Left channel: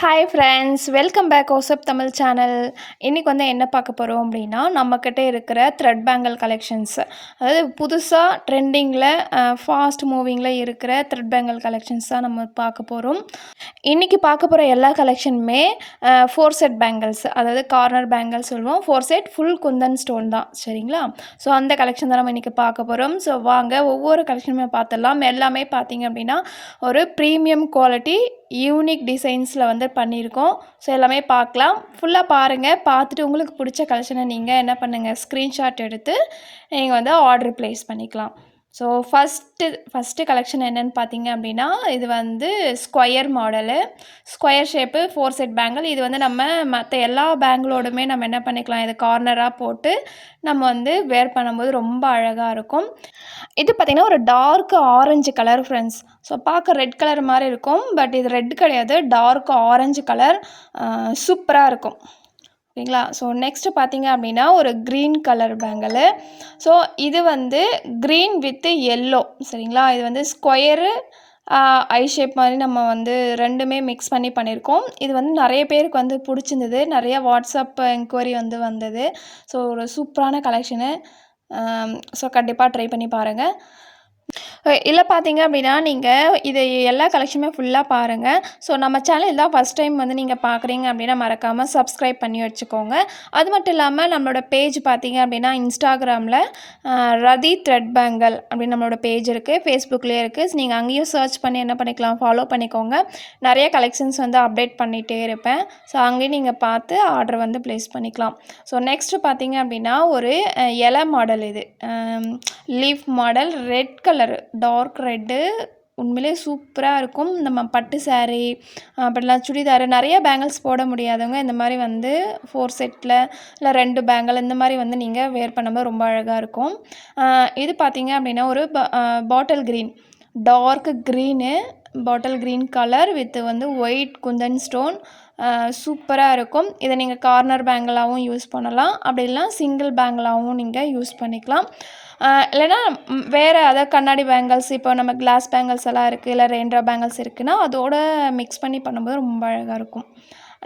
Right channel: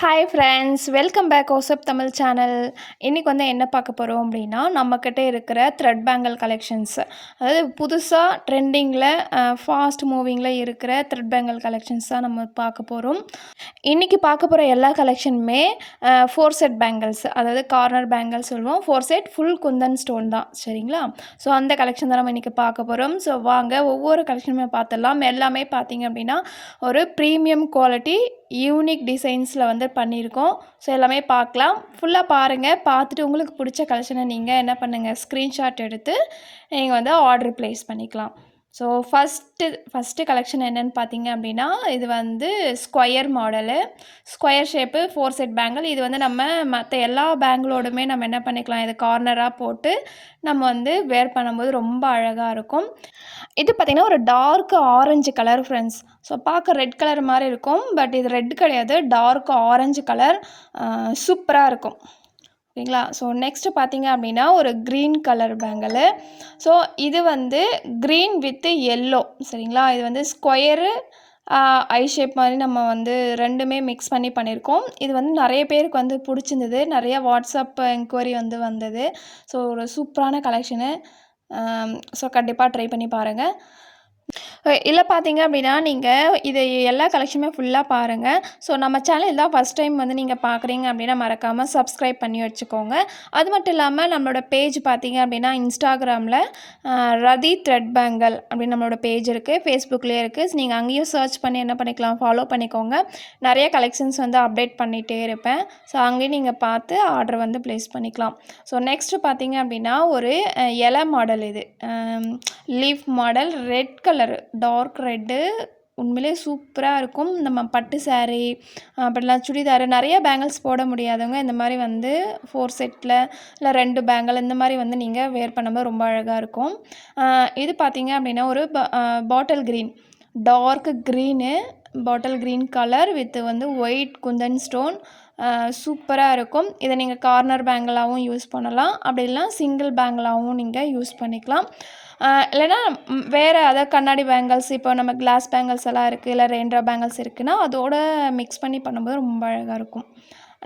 Hi friends welcome back ஓசப் Tamil channel இன்றைக்கி வந்து என்ன பார்க்க போகிறோம் அப்படின்னா நம்மக்கிட்ட இருக்கிற த்ரெட் பேங்கிள் கலெக்ஷன்ஸ் அதாவது புதுசாக ட்ரெண்டிங்கில் ஃபாஸ்ட் மூவிங்கில் இருக்கிற த்ரெட் பேங்கிள் கலெக்ஷன்ஸ் தான் நம்ம பார்க்க போகிறோம் இன்றைக்கி பார்க்க போகிற எல்லா கலெக்ஷனுமே ஃபோர் செட் பேங்கிள்ஸ் அதாவது கார்னர் பேங்கிள்ஸ் சொல்லுவோம். Four set full kundan stone தான். சரிங்களா? ஸோ அந்த கலெக்ஷன் தான் நம்ம இன்றைக்கி பார்க்க போகிறோம் ஸோ வாங்க ஒவ்வொரு கலெக்ஷனுமே பார்த்துடலாம். எல்லாமே பார்த்தீங்க அப்படின்னா ஒரு ப்ரீமியம் குவாலிட்டி யூனிக் டிசைன்ஸில் வந்து பண்ணியிருக்கோம். ஸோ எல்லாமே பார்க்கலாம். ஃபுல்லாக பாருங்கள் பார்த்துட்டு உங்களுக்கு பிடிச்ச கலெக்ஷனை நீங்கள் என்ன பண்ணுங்கள் ஸ்க்ரீன்ஷாட் எடுத்து நீங்கள் வந்து ஆர்டர் ப்ளேஸ் பண்ணிக்கலாம். ஸோ ஃபஸ்ட்டு ஃபஸ்ட்டு கலெக்ஷன் என்னென்னு பார்த்தீங்க அப்படின்னா இது வந்து square model square shape four set bangle இது வந்து நம்ம மற்ற எல்லா பேங்கிளோடுமே நம்ம என்ன பண்ணிக்கலாம் இது கார்னராக போட்டு நம்ம வந்து வேர் பண்ணும்போது ரொம்ப அழகாக இருக்கும். இது பார்த்திங்கன்னா ஒரு dark orange colour friends so பார்க்க ரெட் கலர் மாதிரி இருக்கும் பட் இது ரெட் கிடையாது. டார்க் ஆரஞ்சு கலர் சூப்பராக இருக்கும். ஓகேங்களா? ஸோ நெக்ஸ்ட்டு பார்த்தீங்க அப்படின்னா ஒரு க்ரீன் கலர் பேங்கிள் ஸோ இது வந்து க்ரீன் வித்து எல்லோ சரிங்களா? இது வந்து ஸ்கொயரு ஐ ஷேப் மாதிரி நம்ம வந்து ரெண்டுமே மிக்ஸ் பண்ணி பண்ணியிருக்கோம் இது வந்து நிறைய பேருக்கு வந்து பிடிச்சிருந்தது. நிறைய வாட்ஸ்அப் என்கொயரி வந்து வந்தது. ஸோ ஒரு சூப்பரான கலெக்ஷனு ஸோ கண்டிப்பாக ட்ரை பண்ணி பாருங்கள் இல்லை பார்த்தீங்க அப்படின்னா நீங்கள் இது எல்லா கலெக்ஷனுமே ஃபுல்லாக பாருங்கள் ஸோ நம்ம சேனல் தான் ஃபஸ்ட் டைம் வந்து நீங்கள் பார்க்குறீங்க அப்படின்னா மறக்காமல் சப்ஸ்கிரைப் பண்ணி வச்சுக்கோங்க. அது மட்டும் இல்லாமல் நம்மளோட பேஜ் பார்த்தீங்க அப்படின்னா இன்ஸ்டாகிராமில் ரதி த்ரெட் பேங்கல் அப்படின்னு நம்மளோட பேஜ் இருக்குது ஃபேஸ்புக்லேயே இருக்குது ஸோ நீங்கள் அங்கேயும் சர்ச் பண்ணி என்ன பண்ணிக்கலாம் ஃபாலோ பண்ணிக்கோங்க. நிறைய கலெக்ஷன்ஸ் வந்து அப்டேட் பண்ணிகிட்டே இருப்பேன். ஸோ அங்கேயும் நீங்கள் பார்த்து ஆர்டர் வந்து ப்ளேஸ் பண்ணிக்கலாம். ஸோ நெக்ஸ்ட்டு பார்த்தீங்க அப்படின்னா ஒரு இலை மாடல் இது. Leaf model red colour dark red உண்மையிலே சூப்பராக இருக்கும். நம்ம பட்டு சாரீ அப்படிலாம் சுடிதார் நிறைய பேங்கிள்ஸ் போட முடியாதவங்க இந்த மாதிரி வந்து ஃபோர் செட்டில் இல்லை ரெண்டு பேங்கிள் இந்த மாதிரி வந்து நீங்கள் வேர் பண்ணும்போது ரொம்ப அழகாக இருக்கும். இது பார்த்தீங்க அப்படின்னா ஒரு bottle green dark green bottle green colour with வந்து ஒயிட் குந்தன் ஸ்டோன் சூப்பராக இருக்கும். இதை நீங்கள் கார்னர் பேங்கிளாகவும் யூஸ் பண்ணலாம். அப்படி இல்லைனா சிங்கிள் பேங்கிளாகவும் நீங்கள் யூஸ் பண்ணிக்கலாம். இல்லைனா வேறு அதாவது கண்ணாடி பேங்கிள்ஸ் இப்போ நம்ம கிளாஸ் பேங்கிள்ஸ் எல்லாம் இருக்குது இல்லை ரெயின்ட்ரா பேங்கிள்ஸ் இருக்குதுன்னா அதோட மிக்ஸ் பண்ணி பண்ணும்போது ரொம்ப அழகாக இருக்கும்.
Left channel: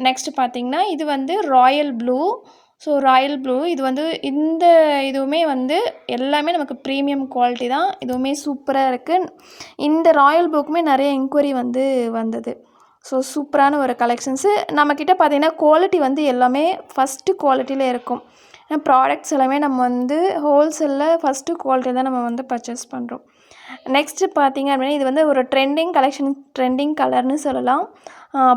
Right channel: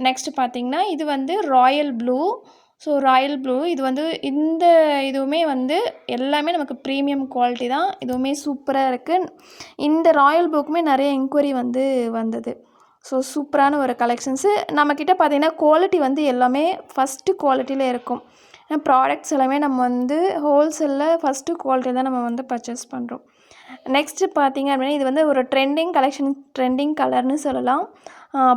நெக்ஸ்ட்டு பார்த்திங்கன்னா இது வந்து royal blue so royal blue இது வந்து இந்த இதுவுமே வந்து எல்லாமே நமக்கு ப்ரீமியம் குவாலிட்டி தான். இதுவுமே சூப்பராக இருக்குது இந்த ராயல் ப்ளூக்குமே நிறைய என்கொயரி வந்து வந்தது. ஸோ சூப்பரான ஒரு கலெக்ஷன்ஸு நம்மக்கிட்ட பார்த்திங்கன்னா குவாலிட்டி வந்து எல்லாமே ஃபஸ்ட்டு குவாலிட்டியில் இருக்கும். ப்ராடக்ட்ஸ் எல்லாமே நம்ம வந்து ஹோல்சேலில் ஃபஸ்ட்டு குவாலிட்டி தான் நம்ம வந்து பர்ச்சேஸ் பண்ணுறோம் நெக்ஸ்ட்டு பார்த்திங்க அப்படின்னா இது வந்து ஒரு ட்ரெண்டிங் கலெக்ஷன் ட்ரெண்டிங் கலர்னு சொல்லலாம்.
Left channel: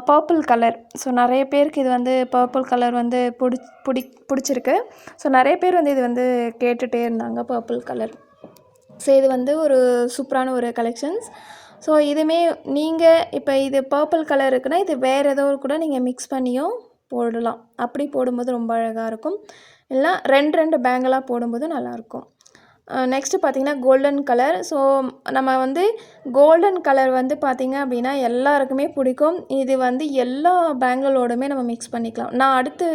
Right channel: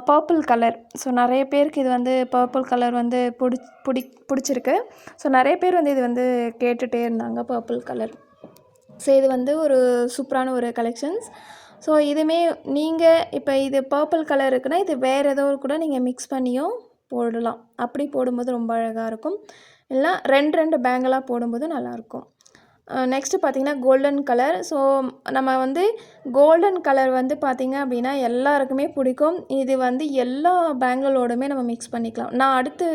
பர்பிள் கலர் ஸோ நிறைய பேருக்கு இது வந்து பர்பிள் கலர் வந்து பிடி பிடி பிடிச்சிருக்கு. ஸோ நிறைய பேர் வந்து இது வந்து கேட்டுகிட்டே இருந்தாங்க பர்பிள் கலர் ஸோ இது வந்து ஒரு சூப்பரான ஒரு கலெக்ஷன்ஸ் ஸோ இதுவுமே நீங்கள் இப்போ இது பர்பிள் கலர் இருக்குன்னா இது வேறு ஏதோ கூட நீங்கள் மிக்ஸ் பண்ணியும் போடலாம். அப்படி போடும்போது ரொம்ப அழகாக இருக்கும். இல்லை ரெண்டு ரெண்டு பேங்கலாக போடும்போது நல்லாயிருக்கும். நெக்ஸ்ட்டு பார்த்திங்கன்னா கோல்டன் கலர் ஸோ நம்ம வந்து கோல்டன் கலர் வந்து பார்த்திங்க அப்படின்னா எல்லாருக்குமே பிடிக்கும். இது வந்து எல்லா பேங்கிளோடுமே நம்ம மிக்ஸ் பண்ணிக்கலாம். நான் அடுத்து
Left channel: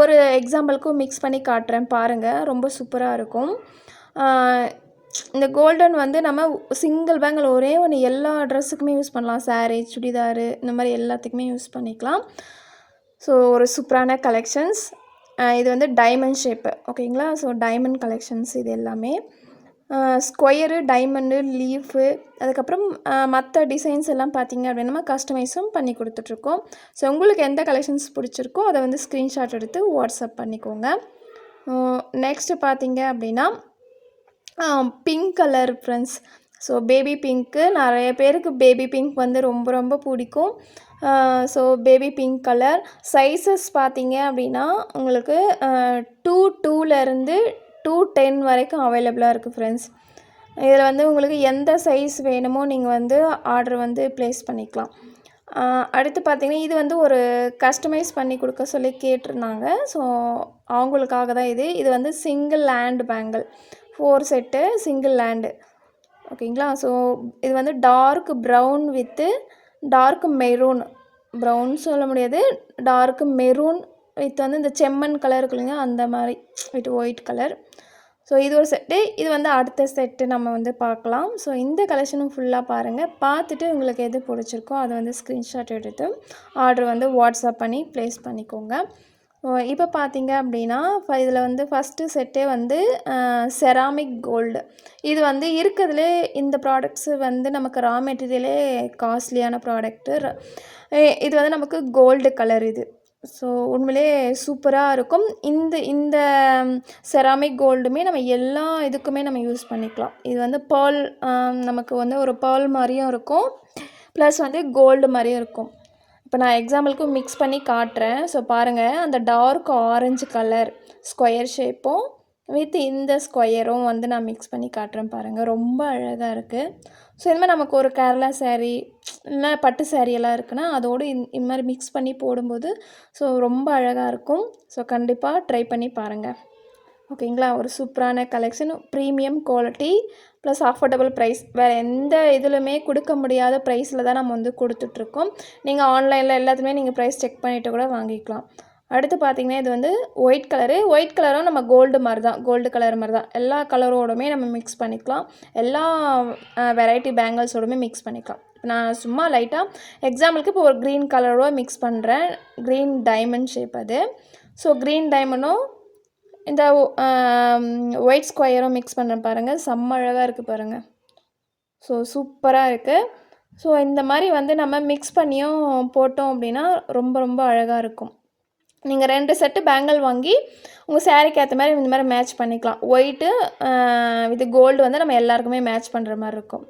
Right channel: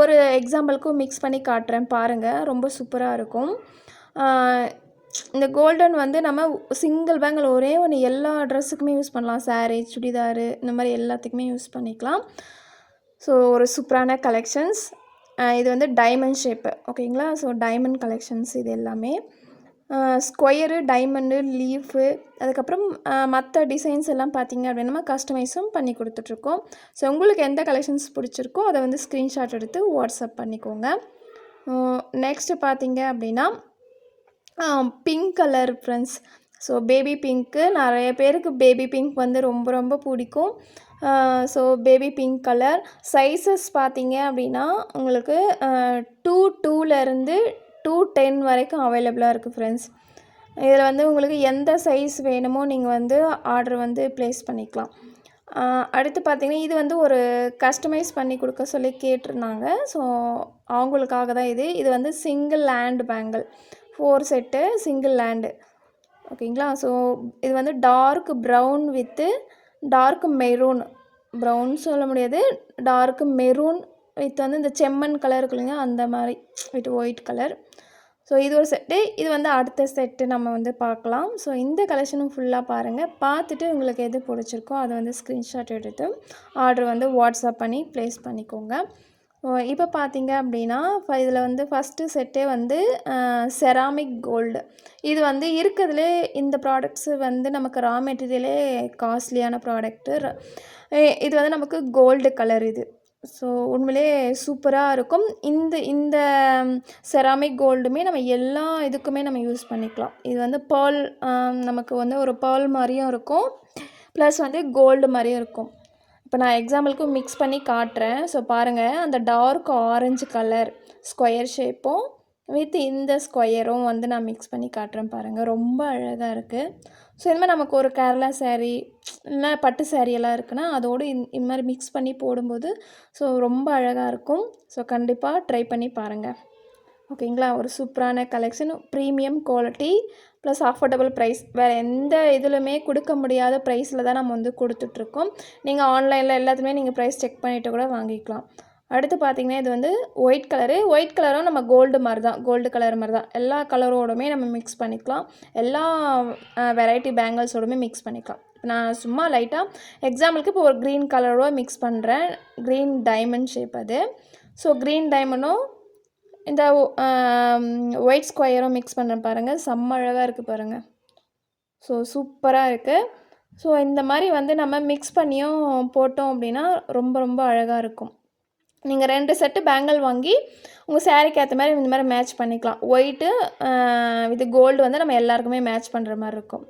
ஒரு எக்ஸாம்பிளுக்கும் மிக்ஸ் பண்ணி காட்டுறேன் பாருங்கள் ரொம்ப சூப்பராக இருக்கும். இந்த கோல்டன் வந்து நம்ம சிங்கிள் பேங்கிள் ஒரே ஒன்று எல்லா ட்ரெஸ்ஸுக்குமே யூஸ் பண்ணலாம். சாரீ சுடிதாரு இந்த மாதிரி எல்லாத்துக்குமே யூஸ் பண்ணிக்கலாம். ஸோ ஒரு சூப்பரான கலெக்ஷன்ஸ் இது வந்து டைமண்ட் ஷேப்பு ஓகேங்களா ஸோ டைமண்ட் கலெக்ஷன்ஸ் இது எல்லாமே. ஸ்கொயரு டைமண்டு லீஃபு அதுக்கப்புறம் மற்ற டிசைன்ஸ் எல்லாம் பார்த்தீங்க அப்படின்னா கஸ்டமைஸும் பண்ணி கொடுத்துட்ருக்கோம். ஸோ உங்களுக்கு எந்த கலெக்ஷன்ஸ் பிடிச்சிருக்கோ அதை வந்து ஸ்க்ரீன்ஷாட் எடுத்து வாட்ஸ்அப் பண்ணிக்கோங்க. நெக்ஸ்ட்டு பார்த்தீங்க அப்படின்னா pink colour friends so baby pink நிறைய பேருக்கு பேபி பிங்க் வந்து ரொம்ப ரொம்ப பிடிக்கும். So baby pink colour sizes பார்த்தீங்க அப்படின்னா உங்களுக்கு டூ டூலேருந்து டூ டென் வரைக்கும் அவைலபிளாக இருக்குது ஃப்ரெண்ட்ஸ் இதில் வந்து உங்களுக்கு எந்த சைஸ் வேணுமோ நீங்கள் வந்து ஆர்டர் வந்து ப்ளேஸ் பண்ணிக்கலாம். அடுத்து பார்த்திங்கன்னா இது வந்து ஒரு கஸ்டமைஸ் பண்ணி கொடுக்க சொல்லி கேட்டிருந்தாங்க. ஸோ அவங்களுக்காக தான் இது. இது வந்து single land bangle four set single land ஓகேங்களா ஸோ இது வந்து dark brown with dark maroon brown சொல்ல முடியாது. டார்க் மெரூன் வித் வந்து இந்த செம்மண் கலர் இருக்குல்லைங்க அந்த மாதிரி வித் ஒயிட் கலர் ஸோ இது ஒரு செட்டு இது வந்து அடுத்த செட்டு நம்ம வந்து பார்க்கலாம். ஸோ இந்த கலெக்ஷனும் ஃபுல்லாக பாருங்கள் பார்த்துட்டு உங்களுக்கு எது பிடிச்சிருக்கோ அதை வந்து ஸ்க்ரீன்ஷாட் எடுத்து ஆர்டர் வந்து வாட்ஸ்அப் பண்ணி ப்ளேஸ் பண்ணிக்கோங்க. இப்போ பார்த்தீங்க அப்படின்னா இதில் வந்து ஃபஸ்ட்டு செட்டே வந்து செராமிக் கோல்டு இது வந்து இருக்கிறதுலே இந்த ப்ராடக்ட்ஸு வந்து நமக்கு ரா மெட்டீரியலே காஸ்ட்லியான ப்ராடக்ட்டு இது வந்து நமக்கு கோல்டு கலர் இது. ஸோ உண்மையிலே சூப்பராக இருக்கும். இந்த இந்த செராமிக் கோல்டுமே நம்ம எல்லா இதுக்குமே நம்ம யூஸ் பண்ணிக்கலாம். இது வந்து பால் நமக்கு வந்து ஒரு பால் மாதிரியும் இருக்கும். ப்ளஸ் வந்து கோல்டு மாதிரியும் இருக்கும். இப்போ நான் எக்ஸாம்பிளுக்கு மிக்ஸ் பண்ணி காட்டுறேன். ஸோ பாருங்கள் அந்த டார்க் ஆரஞ்சு கலர் ஸ்கொயர் ஷேப்பும் வித் இந்த ஸ்கொயரும் வந்து நான் மிக்ஸ் பண்ணி காட்டுறேன் பாருங்கள் ரொம்ப அழகாக இருக்குது ஸோ இது மாதிரி நமக்கு ஒரு கேரளா சேரீ இல்லை பட்டு saree எல்லாம் இருக்குன்னா அதோடு இந் இது மாதிரி மிக்ஸ் பண்ணி போடும்போது ஸோ ரொம்ப அழகாக இருக்கும். ஸோ கண்டிப்பாக ட்ரை பண்ணி பாருங்கள் ஓகேங்களா ஒரு சூப்பரான collection premium quality plus affordable price வேறு எந்த இதுலையுமே கொடுக்க முடியாத ப்ரைஸில் தான் நம்ம வந்து கொடுத்துட்ருக்கோம். நீங்கள் ஆன்லைனில் எல்லாத்துலேயுமே நீங்கள் ப்ரைஸ் செக் பண்ணிவிட்டு கூட வாங்கிக்கலாம். அடுத்து பார்த்தீங்கன்னா இது வந்து ஒயிட் கலரு ஒயிட் கலரும் நம்ம கோல்டு மாதிரி தான். கோல்டு கலர் மாதிரி தான். எல்லா கலரோடுமே நம்ம மிக்ஸ் பண்ணிக்கலாம். எல்லா வெரைட்டி பேங்கிள்ஸோடுமே மிக்ஸ் பண்ணிக்கலாம். இப்போ நான் சும்மா லைட்டாக எக்ஸாம்பிளுக்கு இப்போ ஒரு க்ரீன் கலரோட மிக்ஸ் பண்ணுறேன் க்ரீன் டைமண்ட் ஷேப் அது. ஸோ க்ரீன் டைமண்டும் இந்த ஒயிட் ஸ்கொயரும் மிக்ஸ் பண்ணுறேன் பாருங்கள் செம்ம அழகாக இருக்குது பாருங்கள் ஸோ சூப்பராக இருக்குது ஸோ இந்த மாதிரி வந்து நம்ம மிக்ஸ் பண்ணியும் போட்டோம் அப்படின்னா ரொம்ப ரொம்ப அழகாக இருக்கும். நீங்கள் ரெண்டு செட்டு பேங்கிள் வாங்கி உங்கள் சேரீக்கு ஏற்ற மாதிரி இந்த மாதிரி மேட்ச் பண்ணிக்கலாம். ஒயிட்டு இது கோல்டு வந்து நம்ம எல்லாருக்குமே மேட்ச் பண்ணுற மாதிரி இருக்கும்.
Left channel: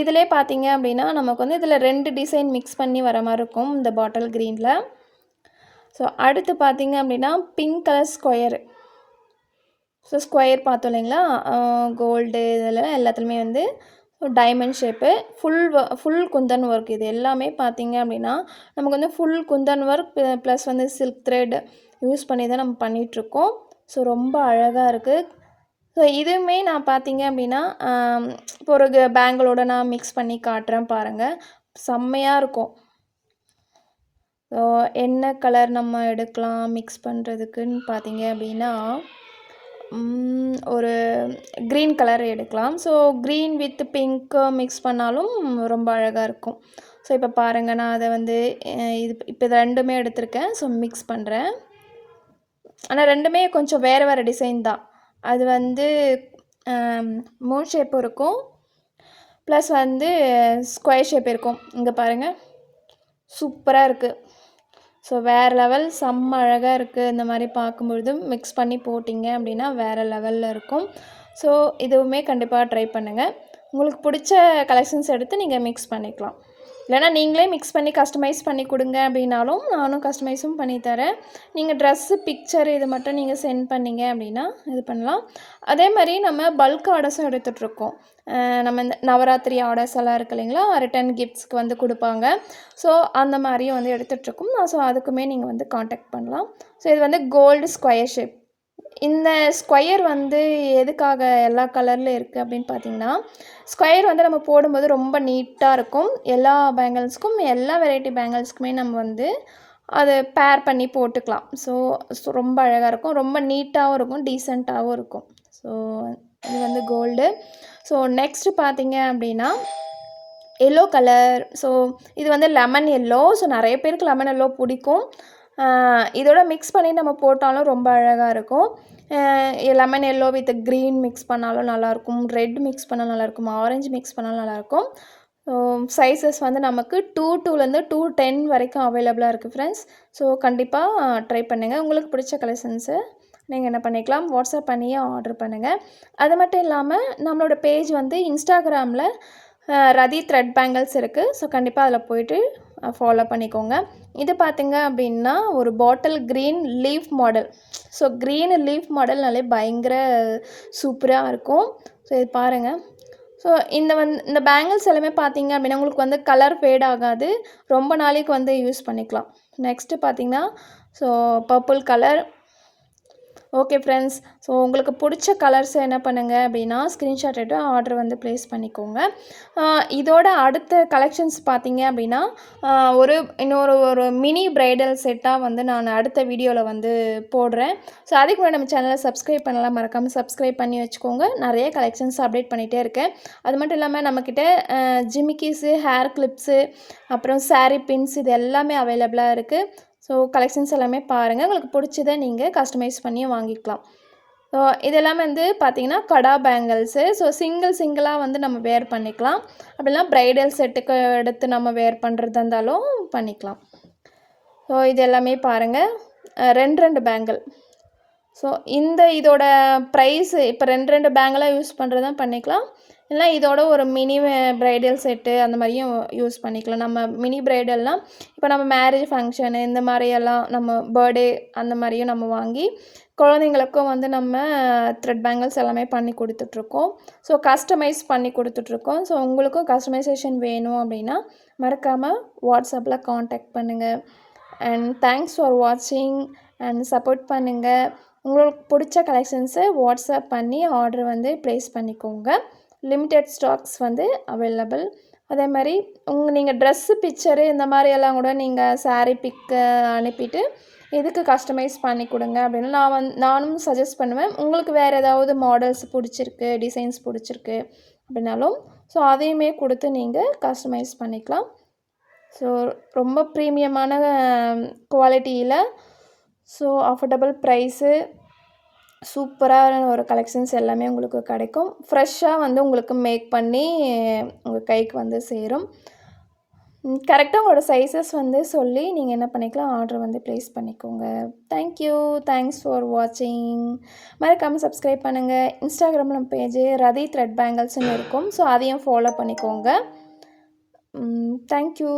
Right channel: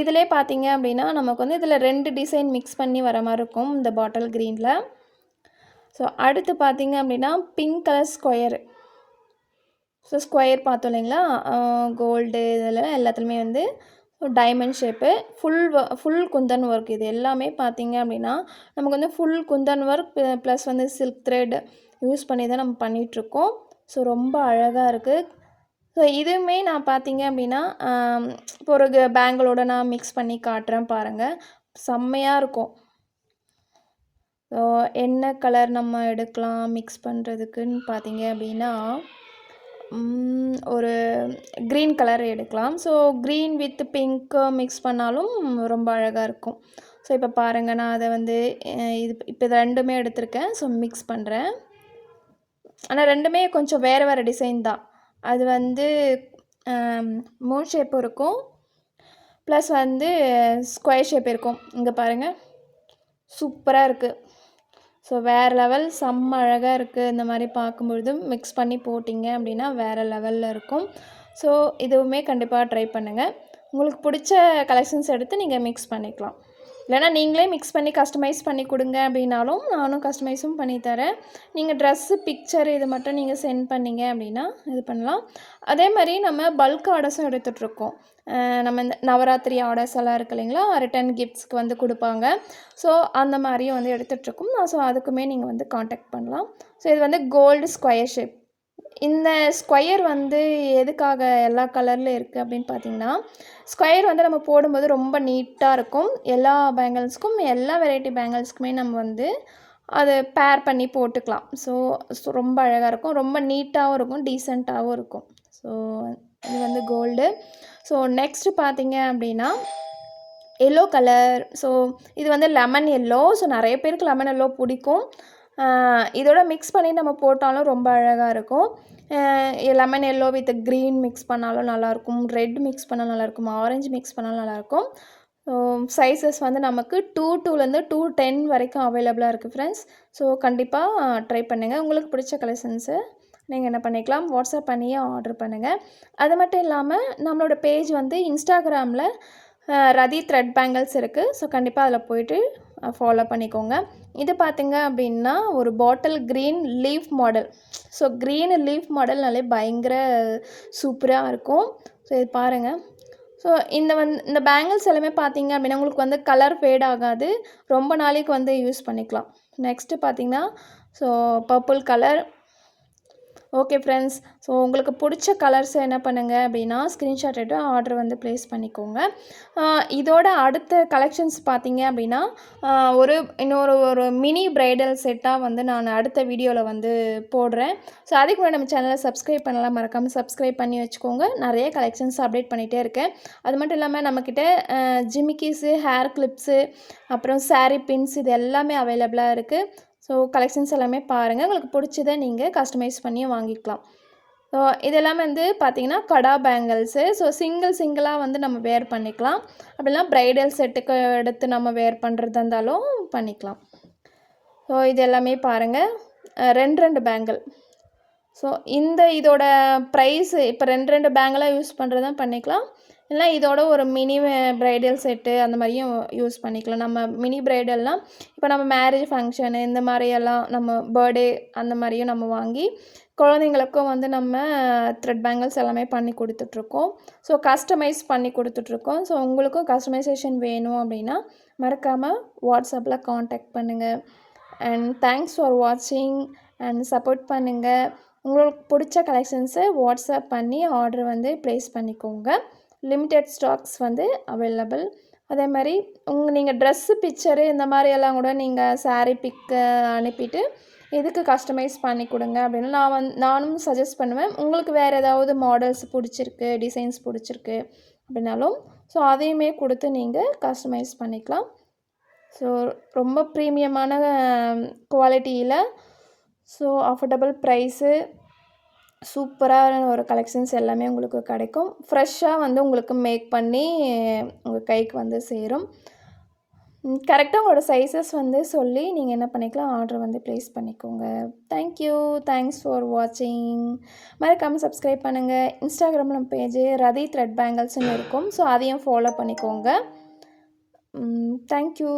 இதிலே பார்த்தீங்க அப்படின்னா நமக்கு வந்து இதில் ரெண்டு டிசைன் மிக்ஸ் பண்ணி வர மாதிரி இருக்கும் இந்த பாட்டில் க்ரீனில் ஸோ அடுத்து பார்த்தீங்க அப்படின்னா pink colour square so square பார்த்தோம் இல்லைங்களா? கோல்டு இதெல்லாம் எல்லாத்துலேயுமே வந்து diamond shape full full kundan work இது எல்லாமே பார்த்தீங்க அப்படின்னா நமக்கு வந்து ஃபுல் குந்தன் ஒர்க் ப்ளஸ் வந்து சில்க் த்ரெட் யூஸ் பண்ணி தான் நம்ம பண்ணிகிட்ருக்கோம் ஸோ ரொம்ப அழகாக இருக்குது ஸோ இதுவுமே நான் பார்த்தீங்க அப்படின்னா இப்போ ஒரு பேங்கிளோட நான் மிக்ஸ் பண்ணி காட்டுறேன் பாருங்கள் செம்மையாக இருக்கும். ஸோ என்ன கலர் நம்ம எடுக்கலாம் மிக்ஸ் பண்ணுறதுக்குன்னு பார்த்தீங்க அப்படின்னா ஒரு க்ரீன் கலர் எடுக்கலாம். So green with pink mix பண்ணாலும் ரொம்ப அழகாக இருக்கும். ஸோ இப்போ பாருங்கள் நான் அதை வந்து இது இப்போ இது ரெண்டுமே எடுத்திருக்கேன். ஸோ மிக்ஸ் பண்ணுறேன் ஆனால் ரெண்டுமே கொஞ்சம் வேறு வேறு டிசைன் தான். அது வந்து மூன் ஷேப்பும் இருக்கும். ப்ளஸ் வந்து ஸ்கொயர் ஷேப் இருக்கும். இங்கே பாருங்கள் சூப்பராக இருக்குது ஸோ வேறு லெவல் செம்ம அழகாக இருக்குது இந்த மாதிரி பார்க்கும்பொழுது மிக்ஸ் பண்ணி போட்டிங்க அப்படின்னா வேறு லெவலில் இருக்கும். ஸோ இதுவுமே கண்டிப்பாக ட்ரை பண்ணுங்கள் உங்களுக்கு பிடிச்ச கலெக்ஷன்ஸ் எடுத்து நீங்கள் மிக்ஸ் பண்ணிக்கலாம். இல்லைனா நீங்களே மிக்ஸ் பண்ணி கஸ்டமைஸ் பண்ணி கொடுங்க அப்படின்னாலும் நானும் கஸ்டமைஸும் பண்ணி தரேன். நீங்கள் ட்ரெஸ்ஸு பிக்சர் இது மட்டும் நீங்கள் சென்ட் பண்ணீங்க அப்படின்னா இது பண்ணலாம். அதே மாதிரி நம்ம பல்க் ஆர்டர்ஸும் எடுத்துகிட்ருக்கோம் நம்ம இந்த நவராத்திரி ஆர்டர்ஸ் எல்லாம் இருக்கு இல்லைங்களா? ரிட்டன் கிஃப்ட்ஸ்க்கு வந்து கொடுப்பாங்க. ஸோ அந்த மாதிரியும் வந்து எடுத்துகிட்ருக்கோம் ஸோ அதுக்குமே நீங்கள் வந்து காண்டாக்ட் பண்ணலாம். ஸோ இது வந்து கோல்டு ஸ்கொயர் ஷேப் இந்த ஸ்கொயர் வந்து எதுக்காக எல்லா கலரில் இருக்குது அப்படின்னு பார்த்தீங்கன்னா ஸ்கொயர் வந்து நம்ம போடும்போது ரொம்ப நீட்டாக இருக்கும். எல்லா பேங்கிள்ஸ்க்கும் எல்லா வெரைட்டி பேங்கிள்ஸ்க்குமே நம்ம வந்து அதை பேர் பண்ணி போட்டுக்கலாம். ஸோ ரொம்ப அழகாக இருக்கும். ரொம்ப நீட்டாகவும் இருக்கும். டீசெண்டாகவும் இருக்கும். ஸோ இது வந்து கோல்டு ஸோ நெக்ஸ்ட்டு பார்த்தீங்க அப்படின்னா எல்லோ கலர் ஸோ இது வந்து லெமன் எல்லோ ஸோ நிறைய பேருக்கு லெமன் எல்லோ பிடிக்கும். இதோட மிக்ஸ் பண்ணி நம்ம போட்டாலும் ரொம்ப அழகாக இருக்கும். Lemon yellow with green mix பண்ணாலும் நல்லாயிருக்கும். ரெட் மிக்ஸ் பண்ணாலும் நல்லாயிருக்கும். ஆரஞ்சு மிக்ஸ் பண்ணாலும் நல்லாயிருக்கும். சைஸஸ் வந்து நமக்கு டூ டூலேருந்து டூ டென் வரைக்கும் அவைலபிளாக இருக்குது ஃப்ரெண்ட்ஸ் ஸோ கண்டிப்பாக ட்ரை பண்ணுங்கள் உங்களுக்கு பிடிச்ச கலெக்ஷன்ஸு நீங்கள் என்ன பண்ணிக்கலாம் வாட்ஸ்அப் பண்ணியே ஆர்டர் பண்ணுங்கள் அது மட்டும் இல்லாமல் நம்மளோட பேஜ் வந்து இன்ஸ்டாகிராமில் ரதி த்ரெட் பேங்கிள்ஸ் இருக்குது ஸோ கண்டிப்பாக அதில் போயிட்டு ஃபாலோ பண்ணிக்கோங்க. இது பார்த்திங்க அப்படின்னா ஒரு bottle green leaf model so green leaf மாடல்னாலே பயங்கர சூப்பராக இருக்கும். ஸோ இது பாருங்கள் ஸோ இந்த வந் இந்த பேங்கிள்ஸ் எல்லாமே பார்த்தீங்க அப்படின்னா உங்களுக்கு வந்து கலர் ஃபேட் ஆகாது. ரொம்ப நாளைக்கு வந்து யூஸ் பண்ணிக்கலாம். நெக்ஸ்ட்டு பார்த்தீங்கன்னா so purple colour okay friends so உங்களுக்கு பிடிச்ச கலர்ஸ் என்ன பண்ணுங்கள் அப்படின்னா ஸ்க்ரீன்ஷாட் எடுத்து ஆர்டர் வந்து ப்ளேஸ் பண்ணிக்கோங்க. இதோட அடுத்த கலெக்ஷன்ஸ் பார்த்தீங்க அப்படின்னா ஒரு இன்னொரு ஒரு மினி ப்ரைடல் செட்டாக வந்து நான் அடுத்த வீடியோவில் வந்து போடுறேன். ஸோ அதுக்கு முன்னாடி நம்ம சேனலை சப்ஸ்கிரைப் பண்ணலாம். மறக்காமல் சப்ஸ்கிரைப் பண்ணி வச்சுக்கோங்க. நிறைய கலெக்ஷன்ஸ் அப்டேட் பண்ணிகிட்டே இருக்கேன். அது மட்டும் இல்லாமல் நம்மக்கிட்ட ஜிமிக்கிஸு ஹேர் கிளிப்ஸு அப்புறம் saree பின்ஸ் இது எல்லாமே அவைலபிளாக இருக்குது ஸோ கலெக்ஷன்ஸ் எல்லாமே பாருங்கள் உங்களுக்கு பிடிச்சதை நீங்கள் கஸ்டமைஸ் பண்ணி வாங்கிக்கலாம். ஸோ இதெல்லாம் வந்து பார்த்தீங்கன்னா கடா பேங்கிள்ஸு ஸோ சிங்கிள் சிங்கிளாக வந்து நம்ம வேர் பண்ணிக்கலாம். அப்படிலாம் ப்ரைடல் செட்டுக்கு எடுத்து நம்ம வேர் பண்ணுறதா இருந்தாலும் பண்ணிக்கலாம். ஸோ இது எல்லாமே பாருங்கள் ரெண்டு ரெண்டு பேங்கிள் ஸோ இந்த இதோட ப்ரைஸு இப்போ ரெண்டு ரெண்டு பேங்கிளாக யூஸ் பண்ணுறதா பண்ணிக்கலாம். இல்லை இதோட ஒரு மினி ப்ரைடல் செட்டு அந்த மாதிரியும் யூஸ் பண்ணிக்கலாம். நம்ம மினி ப்ரைடல்லாம் இப்போ நம்ம மேரேஜ் ஃபங்க்ஷனு இந்த மாதிரியெல்லாம் நம்ம பர்த்டே அந்த மாதிரியும் நம்ம வாங்கி குழந்தைங்களுக்கும் வந்து நம்ம த்ரெட் பேங்கிள்ஸ் எல்லாமே பண்ணி கொடுத்துட்ருக்கோம். ஸோ கஸ்டமைஸ் பண்ணி கொடுத்துட்ருக்கோம். ஸோ உங்களுக்கும் கஸ்டமைசேஷன் வேணும் அப்படின்னா மறக்காமல் வாட்ஸ்அப்பில் காண்டாக்ட் பண்ணுங்கள் அண்ட் தேங்க்ஸ் ஃபார் வாட்சிங் அண்ட் சப்போர்ட் பண்ணுங்கள் உங்களுக்கு பிடிச்ச கலெக்ஷன்ஸை வாட்ஸ்அப் பண்ணி ஆர்டர் வந்து ப்ளேஸ் பண்ணிக்கோங்க. லிமிட்டெட் ஸ்டாக்ஸ் வந்து அவைலபிள் அதே மாதிரி உங்கள் நீங்கள் ட்ரெஸ்ஸு பிக்சரு இந்த மாதிரி எல்லாம் கூட நீங்கள் சாரீ பிக்கு அனுப்பிட்டு இதுக்கு கஸ்டமைஸ் பண்ணி கொடுங்க அப்படின்னு நான் வந் நானும் சஜஸ்ட் பண்ணுவேன். உங்களுக்கு வேறு ஏதாவது மாடல்ஸ் பிடிச்சிருக்கு டிசைன்ஸ் பிடிச்சிருக்கு அப்படின்னாலும் ஸோ அதையுமே கொடுத்து நீங்கள் கஸ்டமைஸ் பண்ணிக்கலாம். ஸோ ரொம்ப ப்ரீமியமான குவாலிட்டியில் ஸோ அஃபோர்டபுள் ப்ரைஸு சூப்பரான ஒரு கலெக்ஷன்ஸ் எல்லாமே உங்களுக்கு கிடைக்கும். ஃப்ரெஷ்ஷாக வந்து உங்களுக்கு மேக் பண்ணி உங்கள் கைக்கு வந்து சேரும். கரெக்டாக உங்களோட சைஸஸ் வந்து சொல்லி நீங்கள் என்ன பண்ணிக்கலாம் ஆர்டர் வந்து ப்ளேஸ் பண்ணிக்கோங்க. தேங்க்யூ தேங்க்ஸ் ஃபார் வாட்சிங் மறக்காமல் சப்ஸ்கிரைப் பண்ணுங்கள் இன்ஸ்டாகிராமில் நம்ம பேஜ் ரதி த்ரெட் பேங்கிள்ஸ்னு இருக்கும். ஸோ அதையும் ஃபாலோ பண்ணிக்கோங்க. Thank you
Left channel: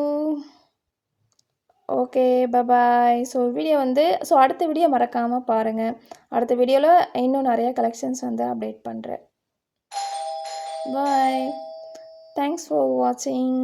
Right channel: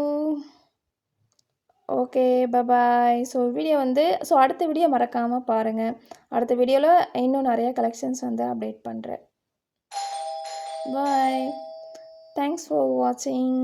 okay bye bye so video வந்து ஸோ அடுத்த வீடியோ மறக்காமல் பாருங்கள் அடுத்த வீடியோவில் இன்னும் நிறையா கலெக்ஷன்ஸ் வந்து அப்டேட் பண்ணுறேன் பாய் தேங்க்ஸ் ஃபார் வாட்சிங்